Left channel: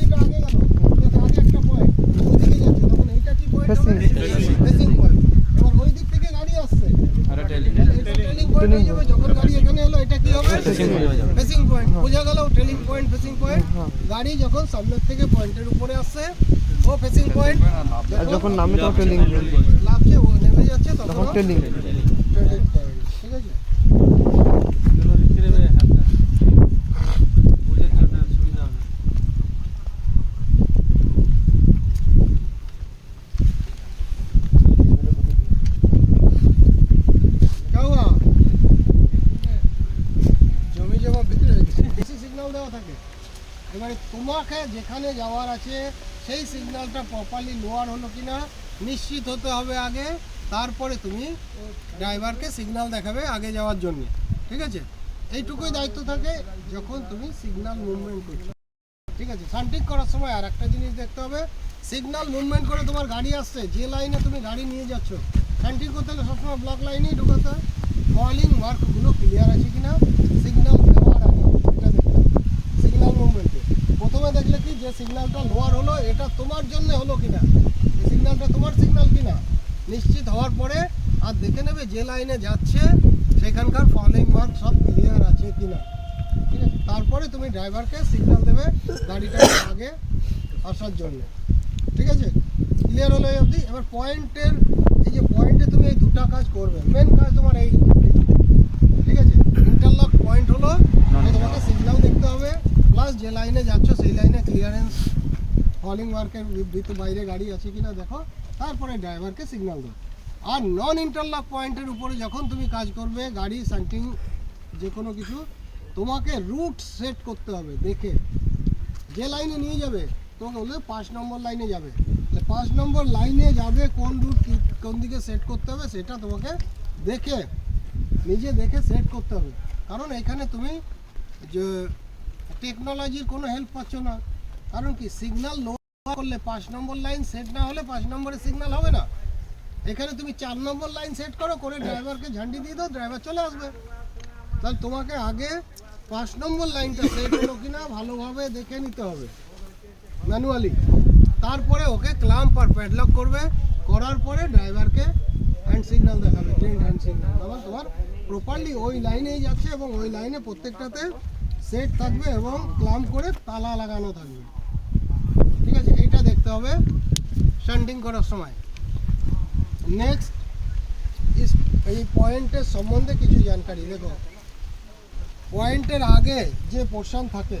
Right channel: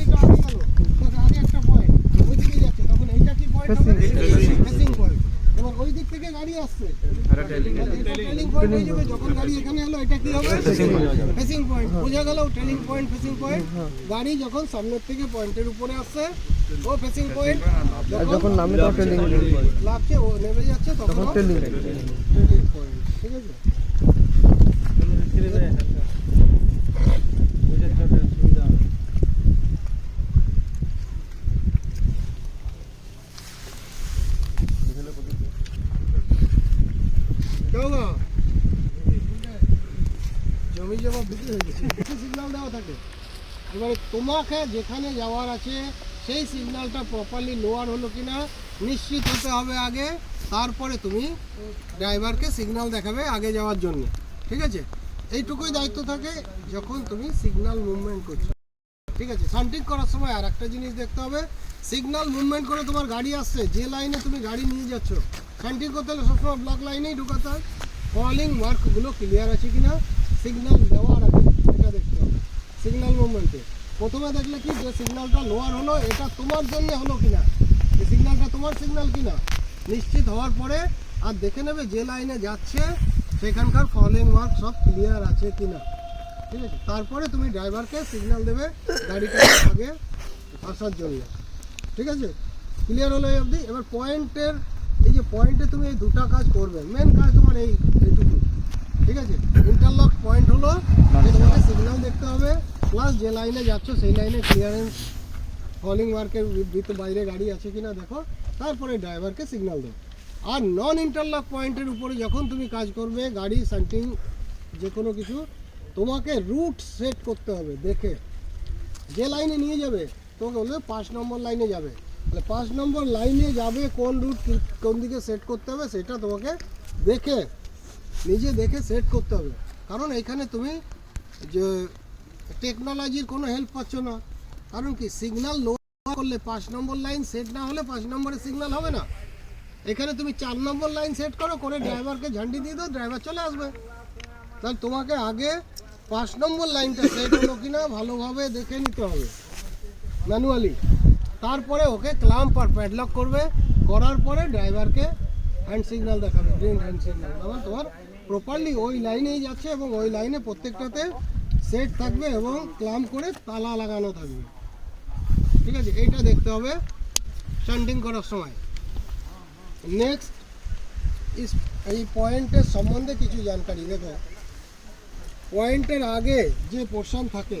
গাড়িটা আগে গেল, আগে একটা পয়েন্ট ওইদিকে যাচ্ছে, তখন এইটা কি পয়েন্ট হবে? Facing point. এবং ওই দিক থেকে গাড়ি আসছে, এটা ট্রেলিং পয়েন্ট হয়ে যাবে। যখন গাড়ি এখানে এলো, এটা কি হবে? Facing point. বোঝা গেল? Trailing point, facing point. গাড়ি যখন সামনের থেকে পয়েন্টের উপরে আসছে ও ফেসিং পয়েন্ট, যখন নামে তখন ট্রেলিং লাগছে ও নেমে যাচ্ছে তখন ট্রেলিং পয়েন্ট। ঠিক আছে? জমি জমা ভিতরে সিগন্যাল দেওয়া থাকে। এবারে তোমাকে যেখানে যাওয়ার আছে সেই সিগন্যালটা প্রপারলি লোয়ার হলো কিনা নিশ্চিত হতে হবে আগে, তারপরে তুমি ড্রাইভারকে সিগন্যাল দেখাবে আগে যাওয়ার জন্য। ঠিক আছে? এইটুকুই দায়িত্ব থাকে যখন তুমি সিগন্যাল মুভমেন্ট করছো। ঠিক আছে? শান্তিক করার সময় আর একটা জিনিস দেখতে হবে, সিগন্যাল মুভমেন্ট করে তোমার গাড়ি আসছে, যে লাইনে তুমি গাড়ি নিয়ে যাচ্ছ, শান্তিক করতে হলে সবসময় ব্লক লাইনেই ঢুকাতে হয়। ফলিং ওয়ার্কগুলো ক্লিয়ার আছে কিনা সিগন্যাল দেওয়ার আগে এটা দেখতে হবে। সিগন্যাল মুভমেন্টে প্রথমে দেখলে কি যে সিগন্যালটা লোয়ার হলো, এটা তোমার জন্য হলো কিনা, যে সিগন্যালটা তোমার সিগন্যাল কিনা নিশ্চিত হওয়ার পরে আর দেখে নেবে যে লাইনে যাচ্ছে সেখানকার ফলিং ওয়ার্ক সব ক্লিয়ার আছে কিনা। ঠিক আছে? তারপরে তুমি ড্রাইভারকে সিগন্যাল দেবে গাড়িটা আগে আসার জন্য। ঠিক আছে? ক্লিয়ার হলো এই অবধি। এবার পয়েন্টের এই যে পয়েন্টে তুমি এই দুটা কাজ করবে, মেন কাজ তোমার এইটুকু। ঠিক আছে? ইন্টারলক পয়েন্ট হলো সিগন্যাল দেখতে হবে, প্লাস যে লাইনে যাচ্ছ সেই লাইনে ক্লিয়ারেন্স ফলিং ওয়ার্কের বাইরে গাড়ি আছে কিনা দেখো, তারপরে ড্রাইভারকে সিগন্যাল দাও। আর নন ইন্টারলক পয়েন্টের উপরে যখন তুমি কাজ করবে, গাড়ি সাইটিং যে কোনো কিছু, তোমাকে রুট সেট করতে হবে দেখে। যে লাইনে নিয়ে যাবে তোমাকে বলবে 5 নম্বর লাইনে যাবে, তাহলে 5 নম্বর লাইনে যাবে কোন রুট কোন দিকে সেট করতে হবে সেটা তোমাকে দেখে নিজে দেখে সেট করতে হবে। কারণ এখানে তুমি যে টেকনোলজির কোনো হেল্প পাচ্ছ না। কারণ কি সিগন্যাল লো করলে 5 নম্বর লাইন সেট না হলে 5 নম্বরে সিগন্যাল হবে না। এখানে তুমি 4 নম্বর লাইন সেট করো, করে ড্রাইভারকে ঝান্ডি দিয়ে দাও, ড্রাইভার চলে আসবে। তাহলে তোমাকে আগে 5 নম্বর লাইনটা সেট হলো কিনা ভালোভাবে দেখে নিতে হবে ম্যানুয়ালি। তারপরে ওকে ক্লাম্প আর প্যাডলক করবে, করার পরে ড্রাইভারকে হ্যান্ড সিগন্যাল দেখাবে, গ্রিন হ্যান্ড সিগন্যাল। আমার তোমার প্রপারলি ওই লাইনেই যাচ্ছে এবং ওই লাইনে প্রত্যেকটাতে সেট থাকবে এবং ক্লাম্প করে তালা লাগানো থাকবে। ঠিক আছে? এইটা দেখতে হবে স্ট্যান্ডিং করার সময়। নেক্সট এই পয়েন্টের সম্বন্ধে কিছু জানকারি দেখো। পয়েন্টের আগে যে পোর্শন থাকে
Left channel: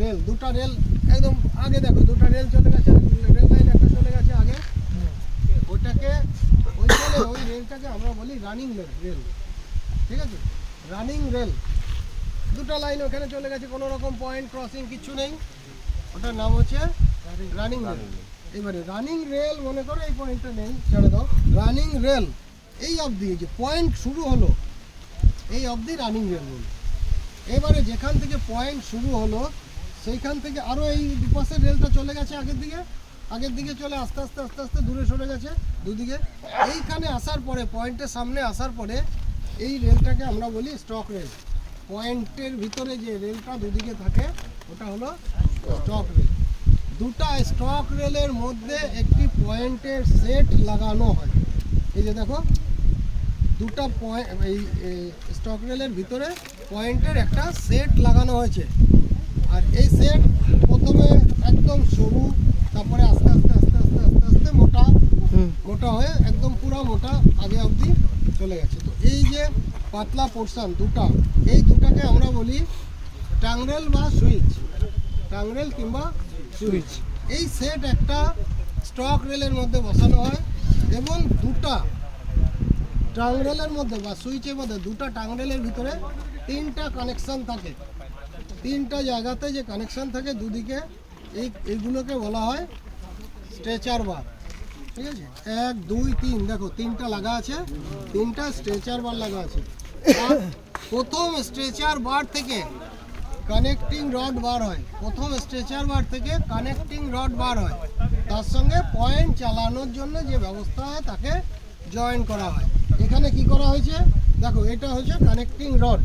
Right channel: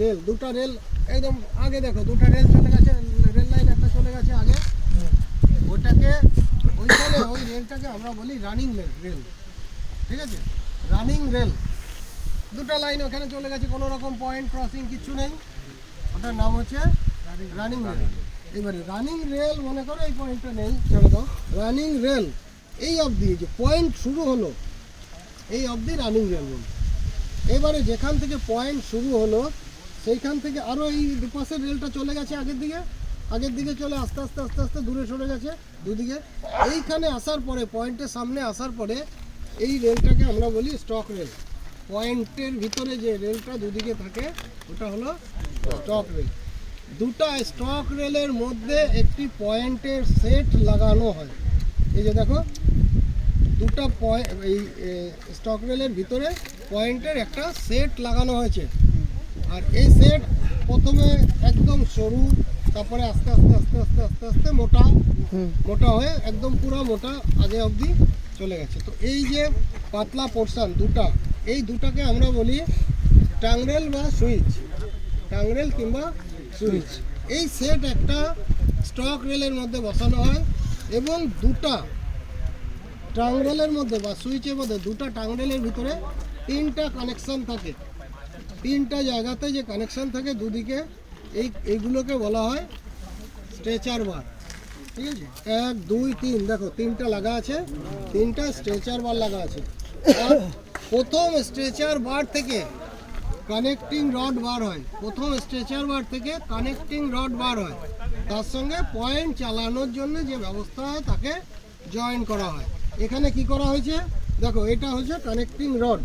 রেল, দুটা রেল একদম আগে দেখো, দুটা রেল চলে গেছে, রেল লাইন একটা চলে গেছে আগে, ওইটাকে ওইখানে ওই রেলটাকে আমরা বলি রানিং রেল। ঠিক আছে? রানিং রেল, দুটা লাইন ওখানে চলে গেছে, কোনো রকম পয়েন্ট ক্রসিং কিছু নেই, ওটার নাম হচ্ছে রানিং রেল। এবারে রানিং রেল মনে করো এই পয়েন্টটা নেই, ছেড়ে দাও। রানিং রেল এই অবধি যে পয়েন্ট শুরু হলো এই অবধি রানিং রেল বলি। এবারে যেখান থেকে পয়েন্ট শুরু হলো সেইখান থেকে আরও এই দুপাশের রেলটা চলে গেছে আগের দিকে চলে আস্তে আস্তে আস্তে আস্তে দূরে সরে গেছে দুদিকে। এইখানে আসার পরে পয়েন্টের সামনে আসার পরে এই রেলটাকে আমরা বলি স্টক রেল। পয়েন্টের ভিতরে যে রেলটা দুদিকে থাকে ওটা হলো স্টক রেল। দুটা স্টক রেলের মধ্যে একটি পয়েন্টের সেট লাগানো হয়। এই যে দেখো দুটা পয়েন্ট, এই স্টক রেলের ভিতরে পয়েন্টের একটা সেট লাগানো হয়েছে। আর এই সেট প্রথমে একদম সরু, তারপরে আস্তে আস্তে আস্তে আস্তে আস্তে আস্তে মোটা হয়ে একদম পুরো মোটা আগে অবধি চলে গেছে। তো এই যে পাতলা পোর্শন দুটা, এই দুটাকে আমরা বলি টাংরেল বা সুইচ, টাংরেল কিংবা সুইচ। এই সেট একটা স্টক রেলের মধ্যে বসানো হয় এবং দুটা টাংরেলের মধ্যে বা সুইচের মধ্যে, দুটা টাংরেলের ভিতরে 3টা কানেকশান থাকে। 3টা জায়গাতে যে কানেকশান থাকে দুদিকে, এইগুলোকে বলা হয় স্ট্রেচার বার। ঠিক আছে? 1 2 3 দেখো 3টা লাগা আছে, 3টা স্ট্রেচার বার লাগা আছে। আর প্রথম স্ট্রেচার বার থেকে কানেক্টিং রড বার হয়, প্রথম স্ট্রেচার বার থেকে কানেক্টিং রড বার হয়, তার সঙ্গে পয়েন্ট চালানোর জন্য যে ব্যবস্থা হয় তাকে জয়েন করা হয়। এখানে কি করা হয়েছে দেখো, এটা হচ্ছে কানেক্টিং রড।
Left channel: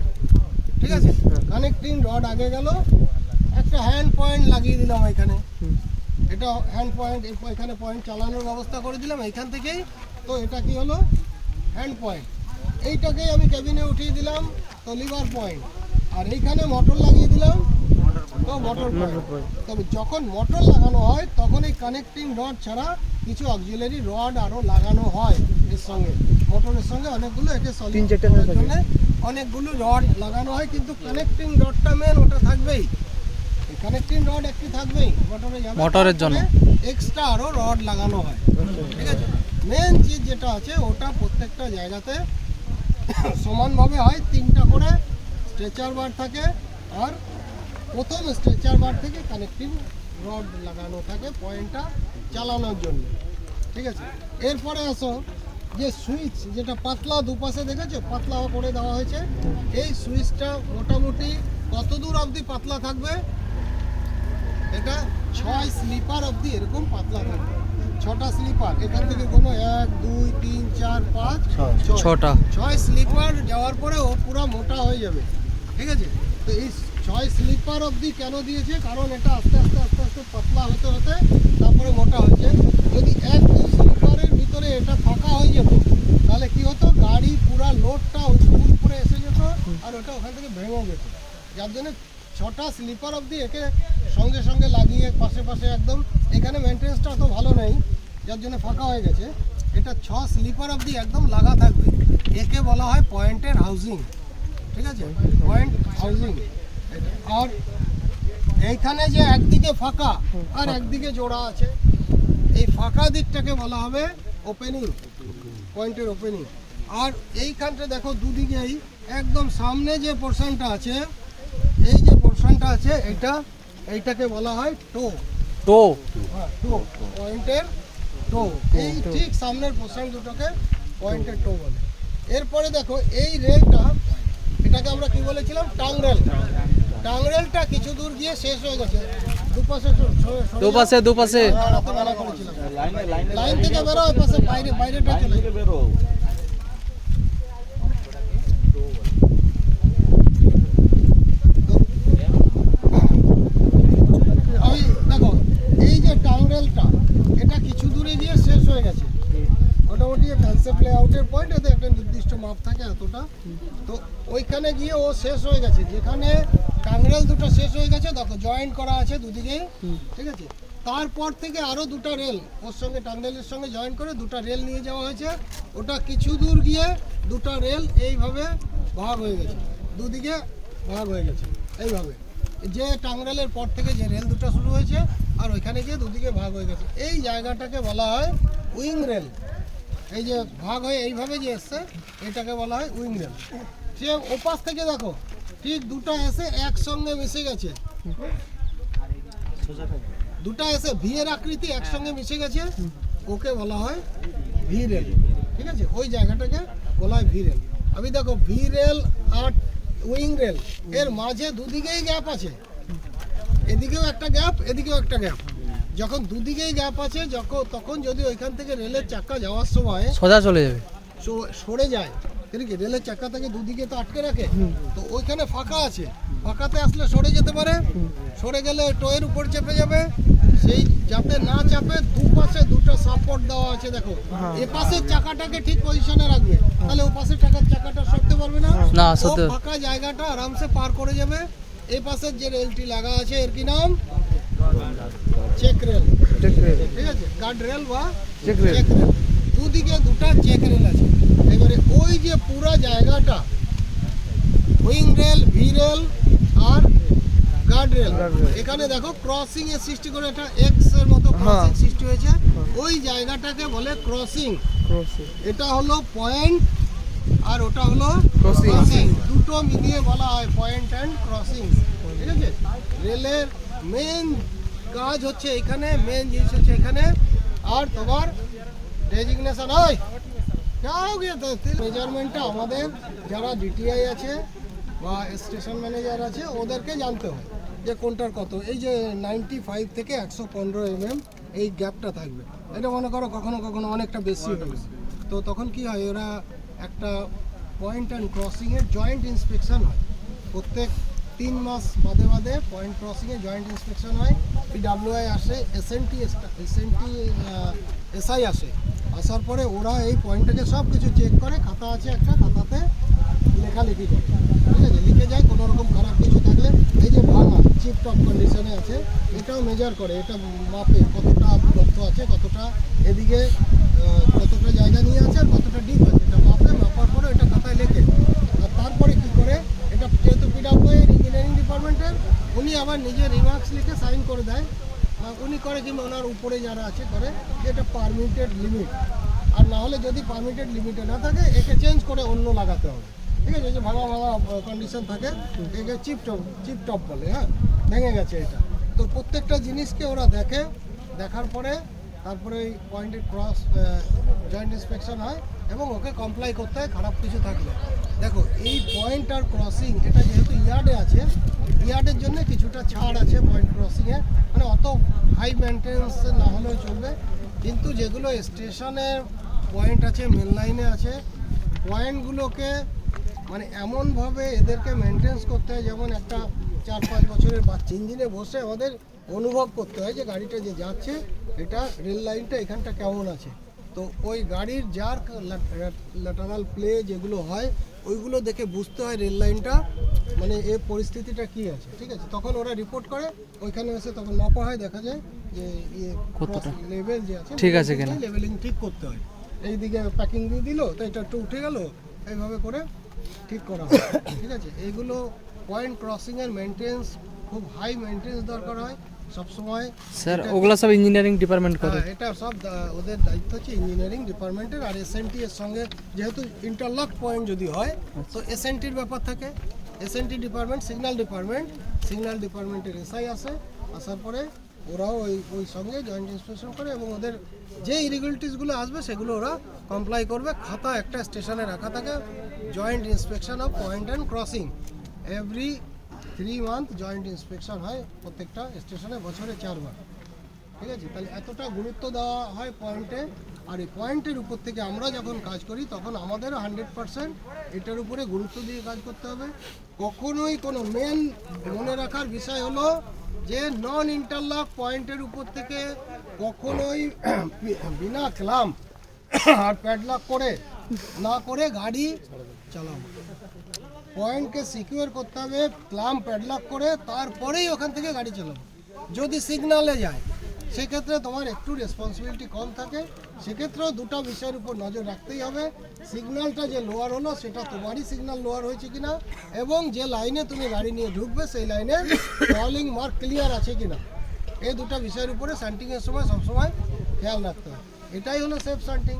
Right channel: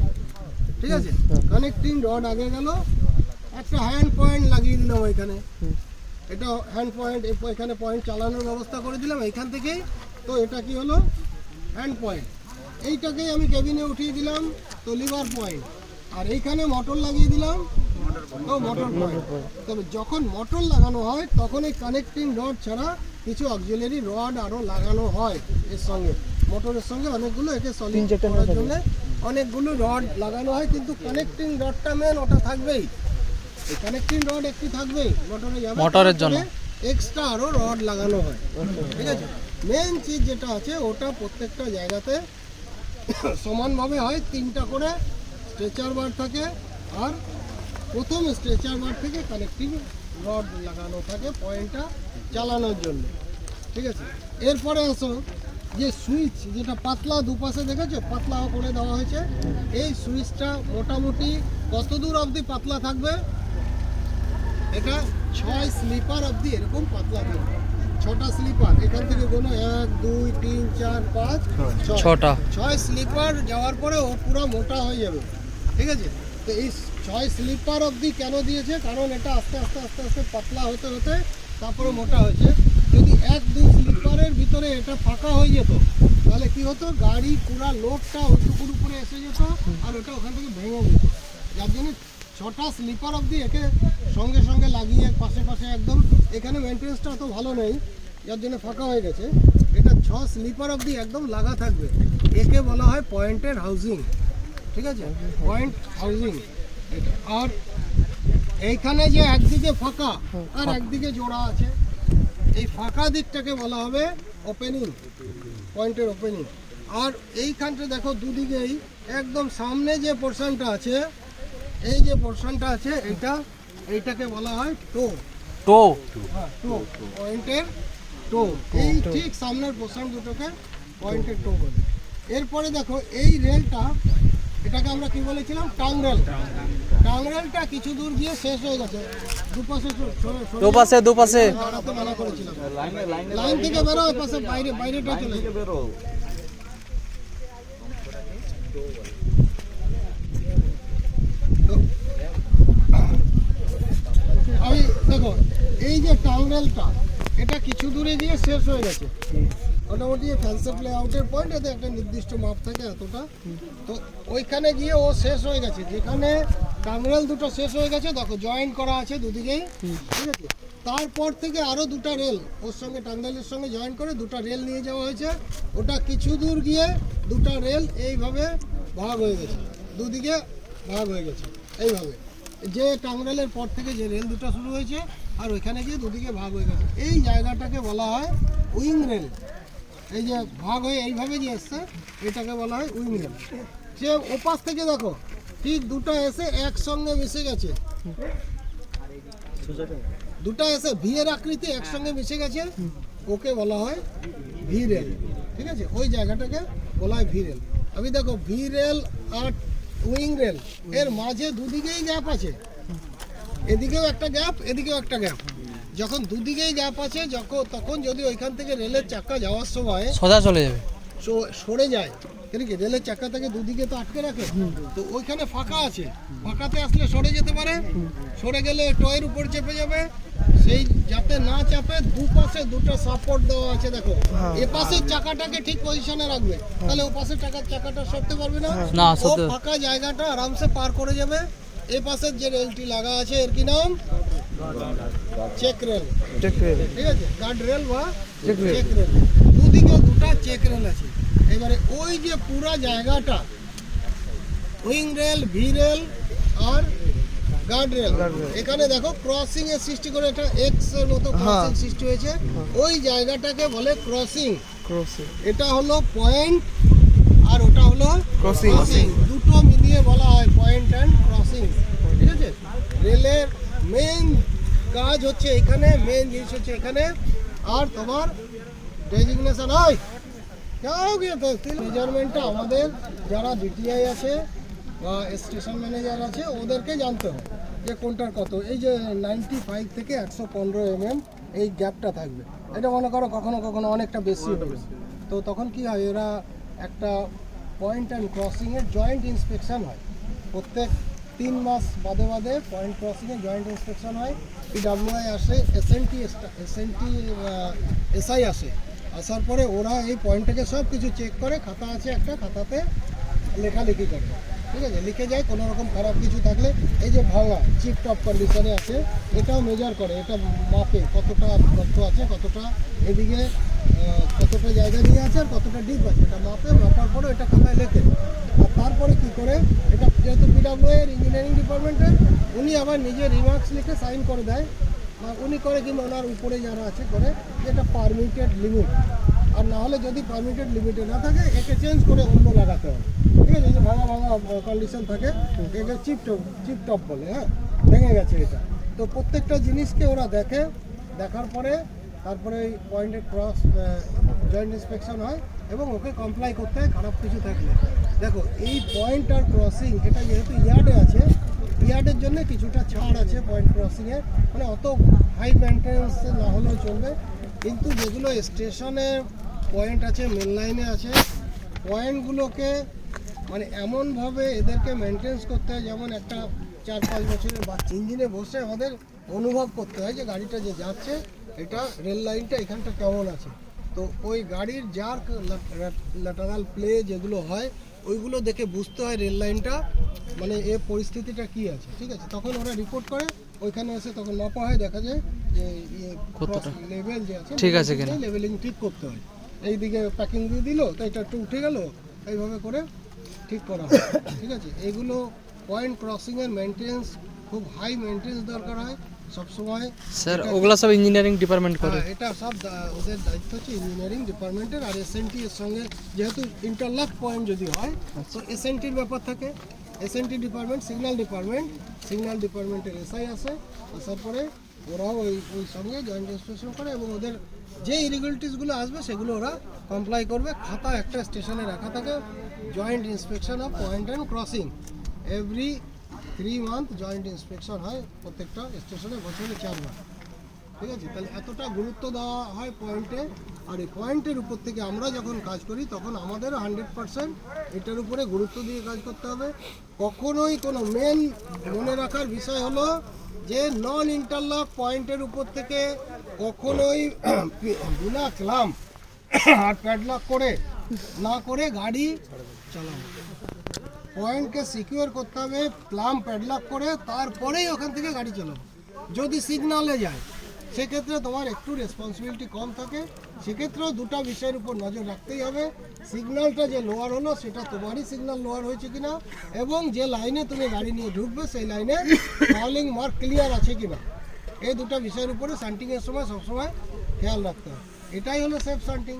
ঠিক আছে? কানেক্টিং রড আগে গেল, একটা হ্যান্ড পয়েন্ট লাগিয়ে দিলাম এখানে, এটা হ্যান্ড পয়েন্ট, এখানে পয়েন্ট চালানোর ব্যবস্থা করে দিলাম এইখান থেকেই। তো এটা কি হলো হ্যান্ড পয়েন্ট, এইটাকেই আমি কেবিনে উঠিয়ে দিলাম তো লিভার পয়েন্ট, আর এইখানে মোটর লাগিয়ে দিলাম তো মোটর পয়েন্ট। তবে যখন মোটর লাগানো হয় তখন এই কানেক্টিং রড ছাড়া কিছু অক্সিলারি রড আরও লাগানো হয় এর সঙ্গে, মোটরের সঙ্গে অনেকগুলো একে সলিড করার জন্য অনেকগুলো রড লাগানো হয়, কিন্তু কানেক্টিং রডটা মেন ওটা থাকবেই, এই কানেক্টিং রড একটু থাকবেই মোটরের জন্য, এক্সট্রা আরও রড লাগানো হয়। ঠিক আছে, মেন চিজ যেটা আছে ওটা প্রত্যেকটা জায়গাতে সমানভাবে হয়, 3টা করে স্ট্রেচার বার থাকে, আর প্রথম স্ট্রেচার বার থেকে কানেক্টিং রড লাগানো থাকে পয়েন্টটা চালানোর জন্য। ঠিক আছে, এরপরে আসো যে সুইচ, যেটা পাতলা দুপাশে দেখেছো পাতলা করে দেওয়া হয়েছে, এই সুইচটা মোটামুটি কত দূর অবধি পাতলা থাকবে, এটা 6 স্লিপার অবধি এরকম পাতলা থাকবে, 6টা স্লিপার, এখান থেকে কোনো 1 2 3 4 5 6টা 6 স্লিপার যাওয়ার পরে ও পুরো মোটা হয়ে যাবে। ঠিক আছে, তো এই 6 স্লিপার অবধি কেন দিয়েছে, কারণ এটা আস্তে আস্তে আস্তে আস্তে পাতলা হতে হতে তারপরে মোটা হয়েছে। যদি 1-2 স্লিপারের ভিতরে এটা ফাঁকা হয়ে যেত তাহলে কি হতো, গাড়ি পুরা লোডটা উপরে এসে যেত আর ওটা ওখান থেকে ভেঙে যেত, যার জন্য 6টা স্লিপার অবধি একে সঙ্গে সঙ্গে লাগিয়ে পাশে পাশে একদম, এখানে মেনটেন্সটা অত ভালো নেই যার জন্য ফাঁকা হয়ে গেছে, এটা 6 স্লিপার অবধি একদম লাগা থাকবে, একে বলা হয় পয়েন্টের হাউজিং। ঠিক আছে, পয়েন্ট হাউজিং। আর এইখানে যে একদিকে ফাঁকা আর একদিকে জোড়া আছে, এই ফাঁকা দিকটাকে বলা হবে ওপেনিং, পয়েন্টের ওপেনিং। আর এইখানটা দেখো দুদিকেই একদম সামনে যে পোর্শনটা আছে, এই যে পোর্শনটা আছে এইটাকে বলা হয় টো, টো পয়েন্টের টো, এই ঠিক সামনের পোর্শন দুটোকে পয়েন্টের টো বলে। এরপরে দেখো এই রেলটা, এটাকে আমরা কি বলেছিলাম টাংরেল, টাংরেলটা কিছু দূর গিয়ে শেষ হয়ে গেছে, দুপাশে মানা করেছিলাম, লাইন থেকে বেরো, পাশে বাইরেটা চলে বেরো। দেখো এই যে টাংরেলটা এটা কিছু দূরে গিয়ে শেষ হয়ে গেছে, মোটামুটি কনসেপ্ট লেআউটের পয়েন্ট, এতে একটা নির্দিষ্ট মাপ থাকে এতটা, তো ওইখানে গিয়ে ও শেষ হয়ে গেছে, যেখানে টাংরেল দুটো শেষ হয়ে গেছে দেখো জয়েন করা আছে দুদিকেই। ঠিক আছে, তারপর থেকে আরও 2টা রেল ওর সঙ্গে টাংরেলের সঙ্গে জয়েন করে 2টা রেল নিয়ে যাওয়া হয়েছে, ওটা কিছু দূর গিয়ে 2টা রেল এইভাবে ভাগ হয়ে গেছে, দুদিকে ভাগ হয়ে গেছে এইভাবে, যে টাংরেলের পর থেকে যে রেল দুটো শুরু হয়েছে আর ওইখানে গিয়ে দুদিকে ভাগ হয়ে গেছে, এই জায়গাটাকে বলা হয় উইং রেল। এই যে ভাগ হয়ে এইভাবে যে এসছে এটাকে বলা হয় উইং রেল। সে ওপাশ থেকে দেখো ঠিক 2টা এসে একসঙ্গে মিশে গেছে, 2টা এসে ভি এর আকৃতি একসঙ্গে মিশে গেছে, ওকে বলা হয় ভি রেল। ঠিক আছে, ওই জায়গাটাকে বলা হয় ভি রেল। আমি দেখো ভি রেল আর উইং রেল এর মাঝে দুদিকেই গ্যাপ আছে, এদিকেও একটা গ্যাপ এদিকেও একটা গ্যাপ, যখন দুদিকেই গ্যাপ আছে তখন যদি ওইখান থেকে রেলের চাকা যাওয়ার সময় সোজা চলে যাবে, সরে যায়, ঠিক আছে, রেলের চাকা থেকে দুদিকে তো আটকে রাখে, তো ওইখানে ফাঁকা আছে, ফাঁকাতে আসলে সরে যেতে পারে, সরে গেলে টোয়ের উপর চেপে যাবে, সেই যাতে না চাপে দুপাশে 2টা সাপোর্ট দেওয়া আছে। দেখো এ পাশের চাকাটাকে ঠিক পজিশনে রাখবে, তাহলে ও পাশের চাকাটা সরতে পারবে না, ও ফাঁকা জায়গাটা আরামসে পার করে যাবে। এই পাশের যে রেলটি লাগা আছে এর কি নাম, চেক রেল। ঠিক আছে, গার্ড রেল বা চেক রেল, দুদিকে 2টা চেক রেল আছে। এবারে ওই যে পুরো জায়গাটা উইং রেল, ভি রেল আর গার্ড রেল, এখানে দেখো ক্রসিং এর সৃষ্টি করে একটা এক্স এর মতো ক্রসিং সৃষ্টি হয়েছে, ওই জায়গাটাকে বলে ক্রসিং। এটা হলো পয়েন্ট আর ওটা হলো ক্রসিং, দুটো মিলিয়ে বলা হয় পয়েন্ট অ্যান্ড ক্রসিং। ঠিক আছে, রেলের মেন কাজ হচ্ছে এখানে, মেন জিনিস হচ্ছে এখানে। আর তোমার ডেজিগনেশন হয় মেজারমেন্টটা আমাদের যারা ডিটিআই আছে বা স্টেশন ম্যানেজার আছে ওদেরকে জানতে হয় যে কোনটার কত। এই যে 95 থেকে 115 mm এই গ্যাপটা থাকবে, এটা মনে করো কখনো কখনো অনেকটা বেশি হবে, তো তখন কি হয়, এরা একটা পয়েন্ট অ্যান্ড ক্রসিংয়ের জয়েন্ট ইন্সপেকশন হয় প্রত্যেক 3 মাস বাদে বাদে পয়েন্ট ক্রসিংয়ে জয়েন্ট ইন্সপেকশন হয়, পিডাব্লিউআই আসে, এসআই আসে। আসার পরে ওরা এই পয়েন্টটাকে সব কিছু চেক করে, খাতা আছে একটা, খাতাতে লেখালেখি করে, ঠিক আছে, লিখে যায় কোনো রকম খারাপ কিছু থাকলে। এই যে ভাঙা চিপ টপ কন্ডিশনে আছে, এটাও মেজার করে, এটা মাপে কতটা গর্ত আছে, কতটা এদিকে কতটা জায়গা দিয়ে আছে, কতটা ডিপ আছে, এটা মাপার পরে এটা খাতায় লেখে। আর তারপরে কি করে, এটা যেহেতু পিডাব্লিউএর ইঞ্জিনিয়ারিং ডিপার্টমেন্টের, উনি আবার নিজে রিমার্কস লিখে সাইন করে দেয়। আর উনি করে কিংবা ওনার উপরে যারা আছে করে যে এটা পারমিটেড লিমিট, আর না হলে যদি পারমিটেড লিমিটে না থাকে একে চেঞ্জ করে অন্য লাগাতে হবে, ঠিক আছে। এই যে ভাঙা কন্ডিশন থাকে, একে চিপ টপ বলে, হ্যাঁ, ভেঙে গেছে এটা। তো প্রত্যেকটা জিনিসকে ওরা দেখে, দেখার পরে তারপরে এই পয়েন্টের ক্রস জয়েন্ট ইন্সপেকশন হয় এবং ওকে কমপ্লাই করতে হয় খারাপ কিছু থাকলে। দেখো এই পয়েন্ট আর ক্রসিং এটা যেহেতু ইয়ার্ডে আছে, ইয়ার্ডের জন্য কিছুটা ছাড় আছে পয়েন্ট ক্রসিংয়ে, মানে অত হাই মেনটেন্স না হলেও চলবে। কিন্তু যেগুলো স্টেশনের পয়েন্ট আছে, মেন লাইনে আছে, পয়েন্টগুলোকে মানে এমনভাবে এদেরকে মেনটেন্স করতে হয় যেমন একটা 4-5 বছরের বাচ্চা ইঞ্জিনে বসে আমাদের অনুভব করতে হয় যে গাড়িটা যে যাচ্ছে এটা রেল লাইনটা এখানটা কেমন আছে। তো ওই গাড়ির যার ল্যাটারাল প্লে যেগুলো হয় ওইগুলো দেখে বুঝতে হয় রেল লাইনটা মানে এর পরিস্থিতিটা কি আছে, ঠিক আছে। তখন ওরা রিপোর্ট করে, ওইখানে এসে তখন মাপা হয়, দেখা যায় যে লেভেল যে আছে ঠিক আছে কিনা, লেভেলিং ঠিক করতে হয়। এইদিকে প্যাকিং দিয়ে দিল তো এটা একটু উঠে গেল, এইভাবে করে ঠিক করা হয়, ঠিক আছে। এগুলো পয়েন্ট ক্রসিংয়ের মেনটেন্স খুব হাই মেনটেন্স দরকার হয় সবসময়। স্যার ওগুলো সব ইঞ্জিনিয়ারিং ডিপার্টমেন্ট করে? এটা সব ওদের দায়িত্ব হচ্ছে ইঞ্জিনিয়ারিং ডিপার্টমেন্টের। আর এসএনটি এর সঙ্গে যেহেতু ইন্টারলক পয়েন্ট যদি হয় তো এসএনটির ব্যাপার থাকে, এসএনটি ডিপার্টমেন্ট, সিগন্যাল ডিপার্টমেন্টের এসআই আসে, আসার পরে ওরাও ওই সঙ্গে জয়েন্ট ইন্সপেকশন করে এবং ওদের যে ইরিগুলিটিসগুলো আসবে সেগুলো ওরা কমপ্লাই করবে। খাতা একটা স্টেশনে রাখা থাকে, joint inspection of point and crossing every 3 month joint inspection হয় প্রত্যেকটা স্টেশনে, বছরে 4 বার, ঠিক আছে। তাহলে এতটা গুরুত্ব দেওয়া হয় পয়েন্টে। আর এই পয়েন্টের উপর থেকে আমরা যখন কাজ করি তখন আমাদেরও 100% এটার উপরে গুরুত্ব দিয়ে কাজ করতে হবে। কখনোই কোনো মেন মনে রাখার বিষয় হলো যে নন ইন্টারলক পয়েন্টের উপর থেকে কখনোই বিনা ক্লাম্প আর প্যাডলক করে না করে গাড়ি চালাবো। পয়েন্টকে সিকিউর করতে হবে ক্লাম্প প্যাডলক করে, তারপরেই ওখান থেকে গাড়ি চালাবো। যদি সিগনালে যায় সেক্ষেত্রে তোমার একটু রেসপন্সিবিলিটি কম থাকে, সেক্ষেত্রেও দুটো বিষয়ের উপর নজর রাখতেই হবে। সিগন্যালটা যে লোয়ার হলো সেটা তোমারই সিগন্যাল লোয়ার হয়েছে কিনা, এবং যে লাইনে তুমি গাড়ি নিয়ে ঢুকবে সেই লাইনে ফলিং মার্ক ক্লিয়ার আছে কিনা, এই দুটো বিষয়ের উপরে শান্টিংয়ের সময় সবসময় খেয়াল রাখতে হবে। এটাই হলো সেফ শান্টিং।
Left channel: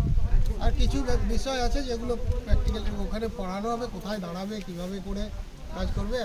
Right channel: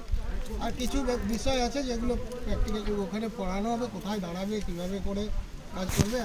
আর কিছু বিষয় আছে যেগুলো প্র্যাকটিক্যালি ওখানে পড়ানো হবে, কোথায় দাঁড়াবে, কীভাবে করে কাজ করবে।